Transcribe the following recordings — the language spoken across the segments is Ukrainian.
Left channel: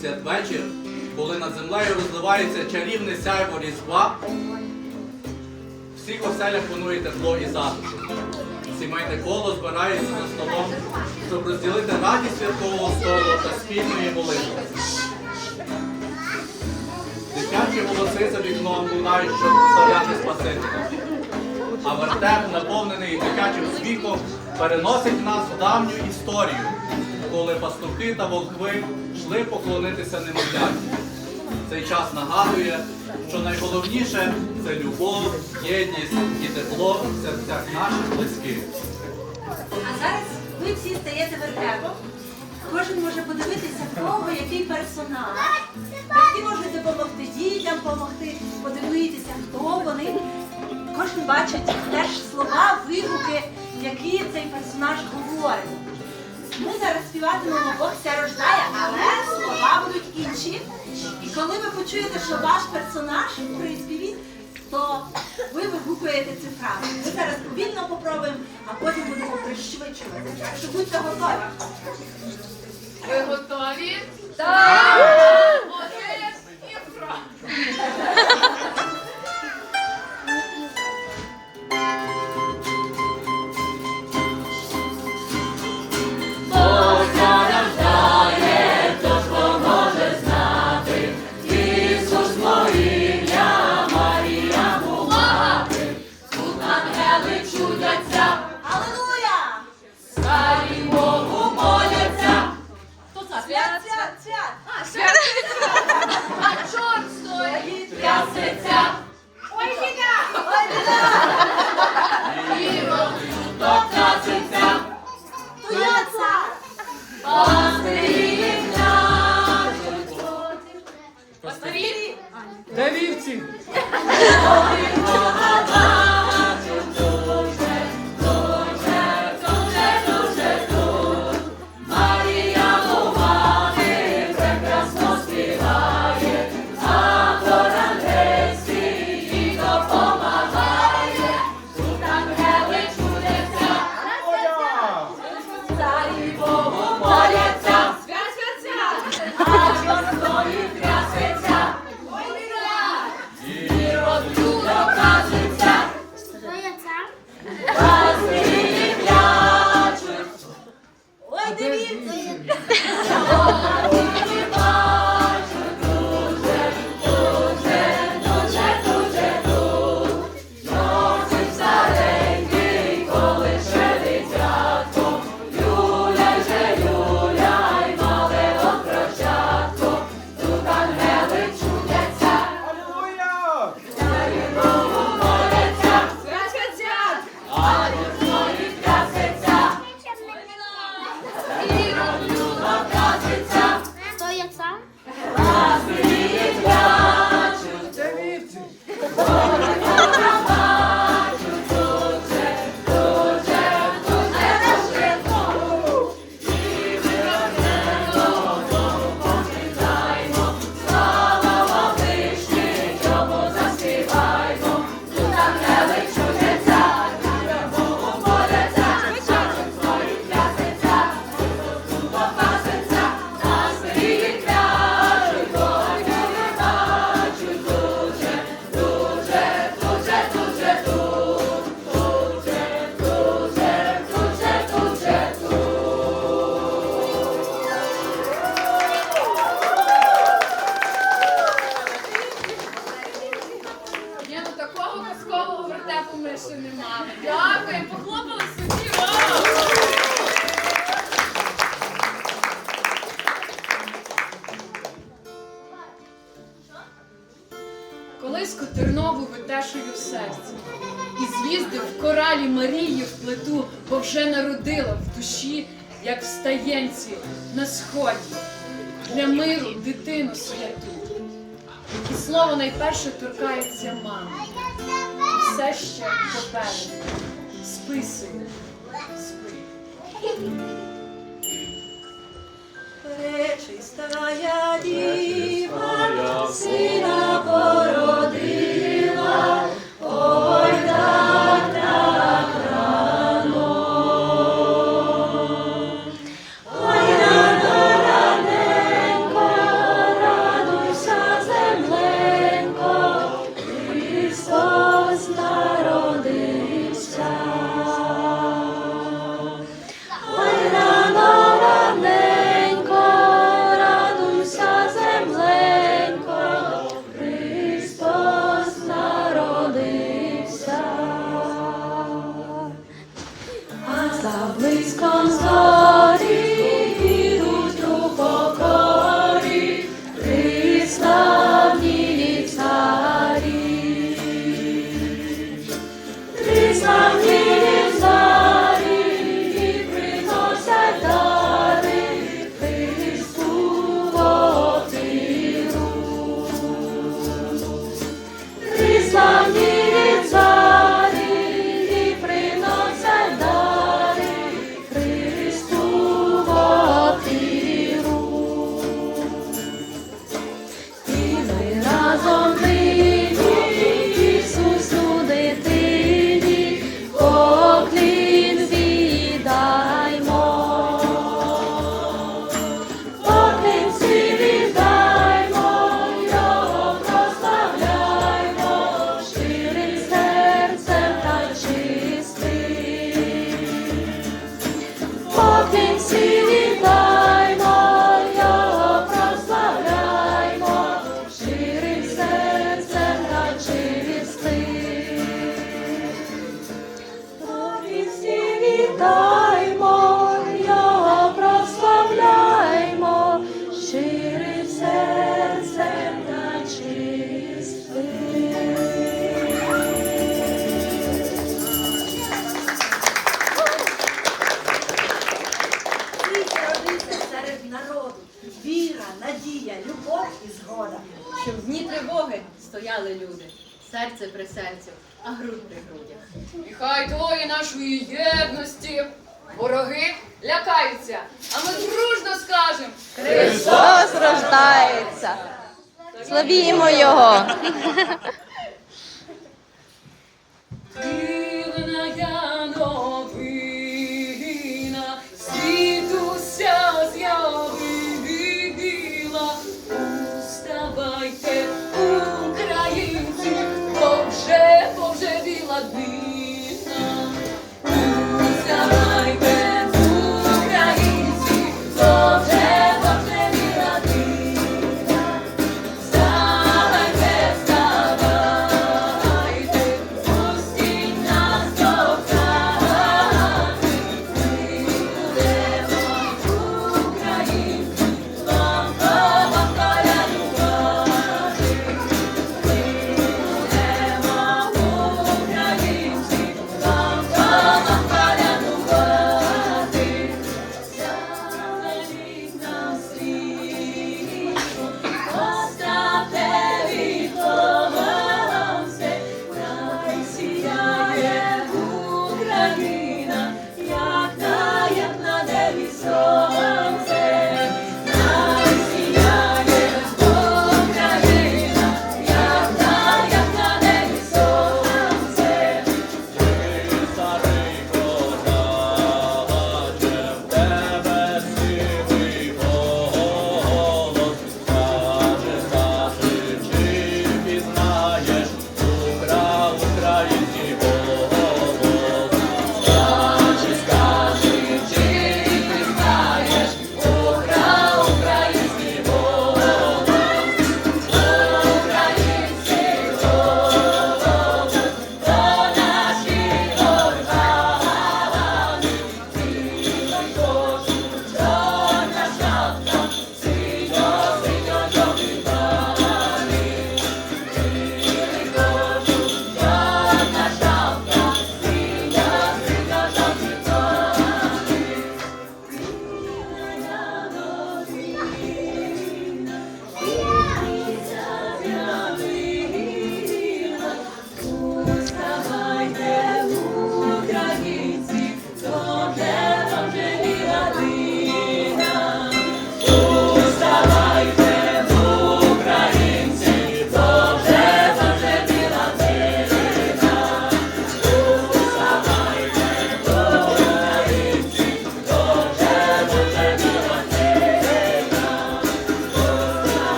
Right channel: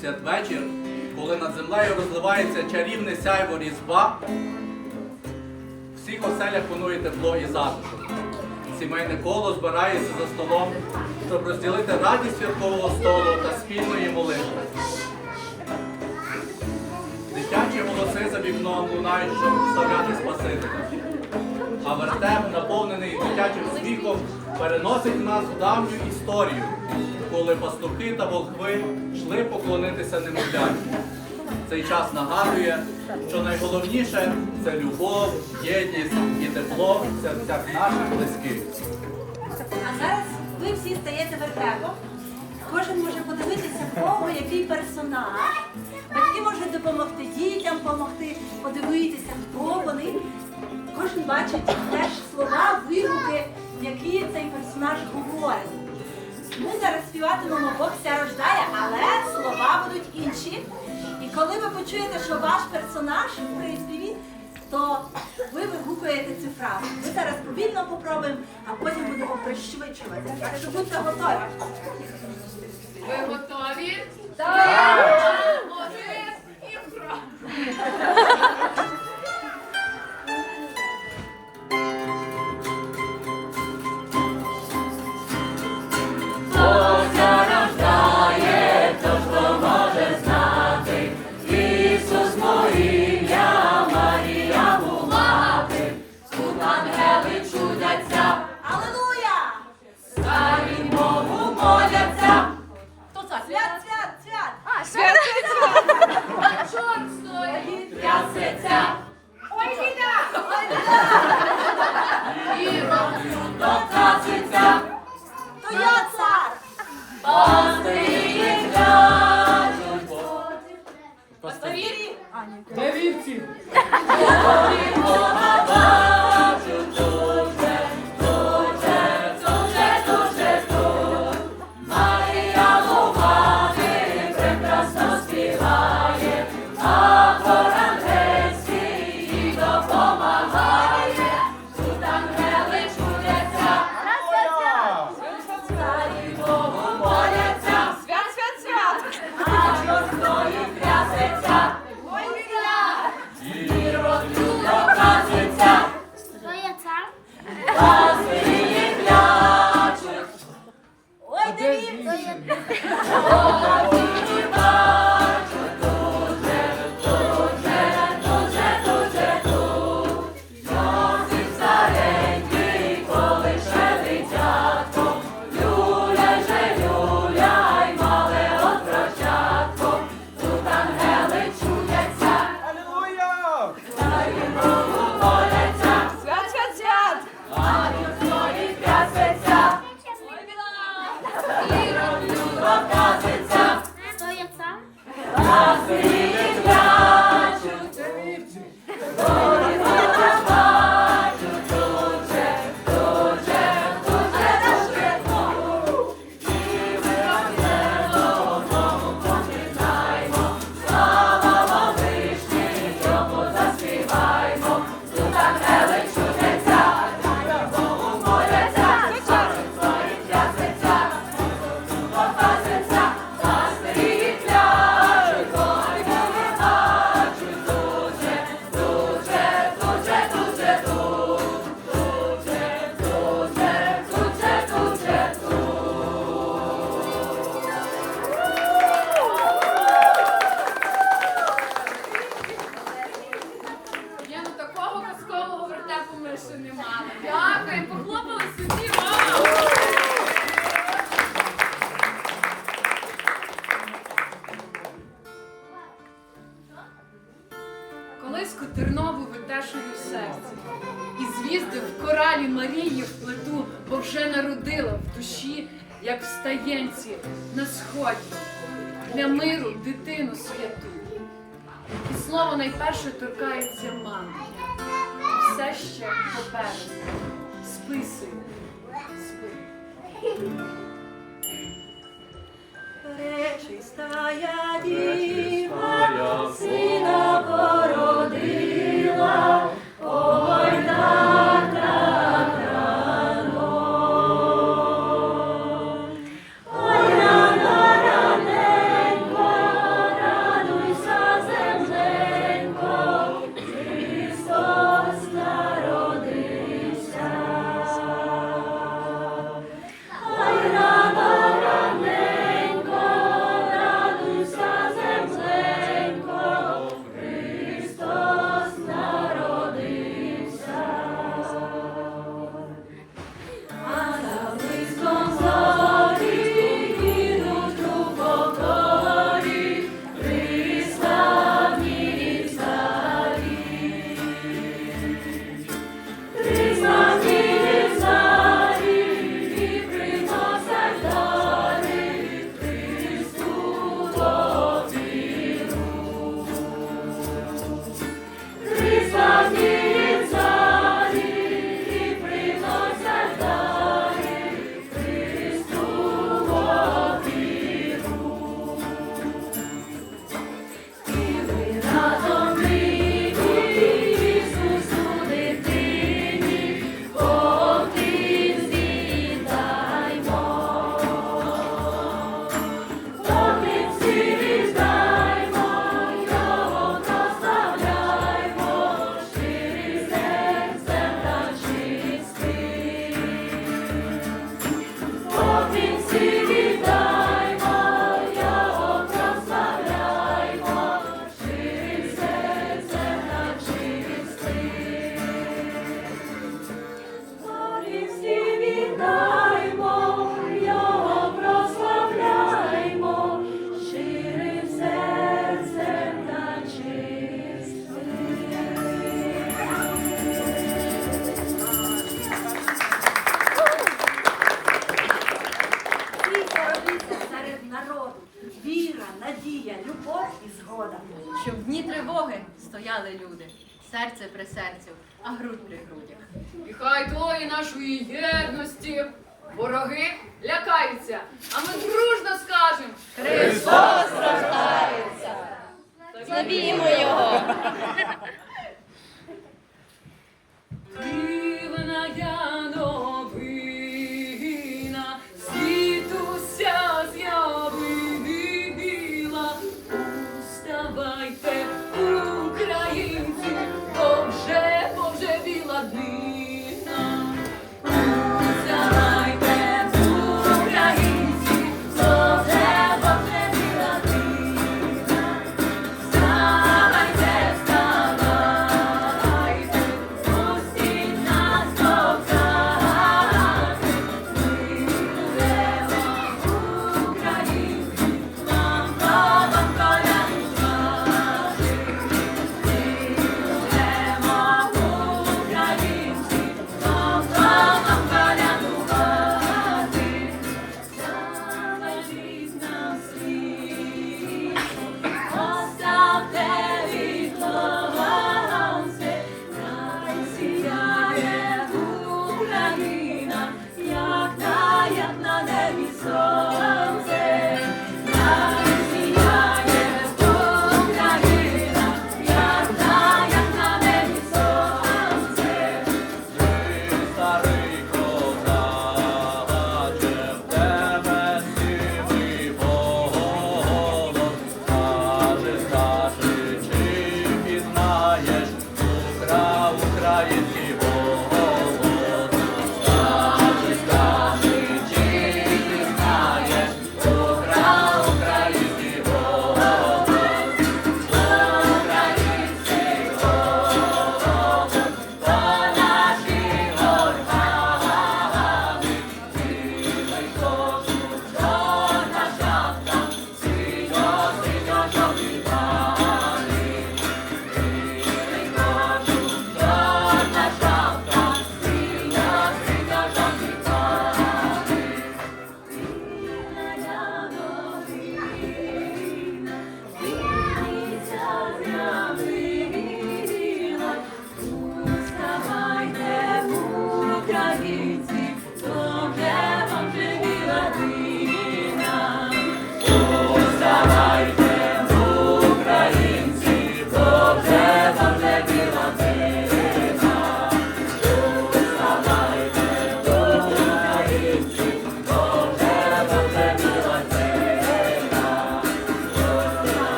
святвечір, коли над землею розливається чарівне сяйво різдва, в всіх оселях панує тепло і затишок. Сімейне коло збирається за столом, щоб розділити радість святкового столу та спільної молитви. Дитячі голоси за вікном лунають, щоб вставляти Спасителя. А вертеп, наповнений дитячим сміхом, переносить нас в давню історію, коли пастухи та волхви йшли поклонитися немовляті. Цей час нагадує, що найголовніше це любов, єдність і тепло в серцях наших близьких. А зараз ви всі стаєте вертепом. Кожен може подивитися, в кого який персонаж. Батьки можуть допомогти дітям, допомогти, подивитися, хто вони. Кожен бачить персонаж говорить. Ми зараз співатимемо Бог ся рождає, але слова будуть інші. І коли ви почуєте, що ваш персонаж в приспіві, то ви вигукуєте цю фразу. Ми зараз повільно попробуємо, а потім будемо пришвидшувати. Так що будьте готові. Ви готові? Витешую серце. І з'їздив в коралі Марії в плиту, бо вже народила в душі, як в стаєнці на сході, для миру дитину святу. І слово найперше торкається мами. І все ще попереду. Спи, сину, спи. Пречистая діва, сина серце при серцю, а грудь при грудях. І хай тої нашої єдності вороги лякаються, а ми дружно скажемо. Христос рождається. Славімо Його.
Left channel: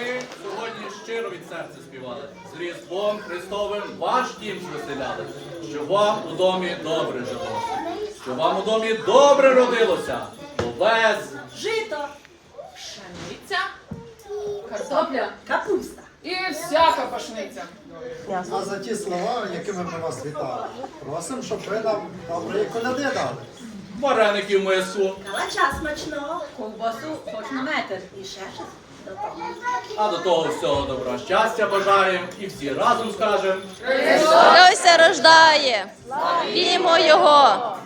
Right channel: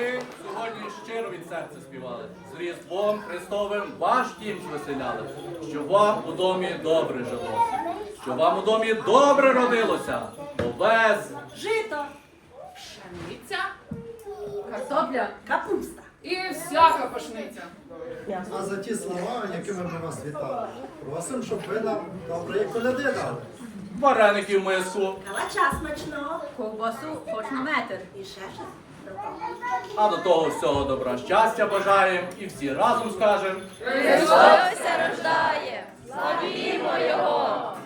Ми сьогодні щиро від серця співали. З Різдвом Христовим ваш дім звеселяли, що вам у домі добре жилося, що вам у домі добре родилося, овес, Жито, Пшениця, картопля капуста. і всяка пашниця. А за ті слова, якими ми вас вітали, просимо, щоб ви нам доброї коляди дали. вареників миску, Калача смачного, ковбасу хоч на метр і ще щось. А до того всього добра щастя бажаємо і всі разом скажемо. Христос рождає. Славімо Його.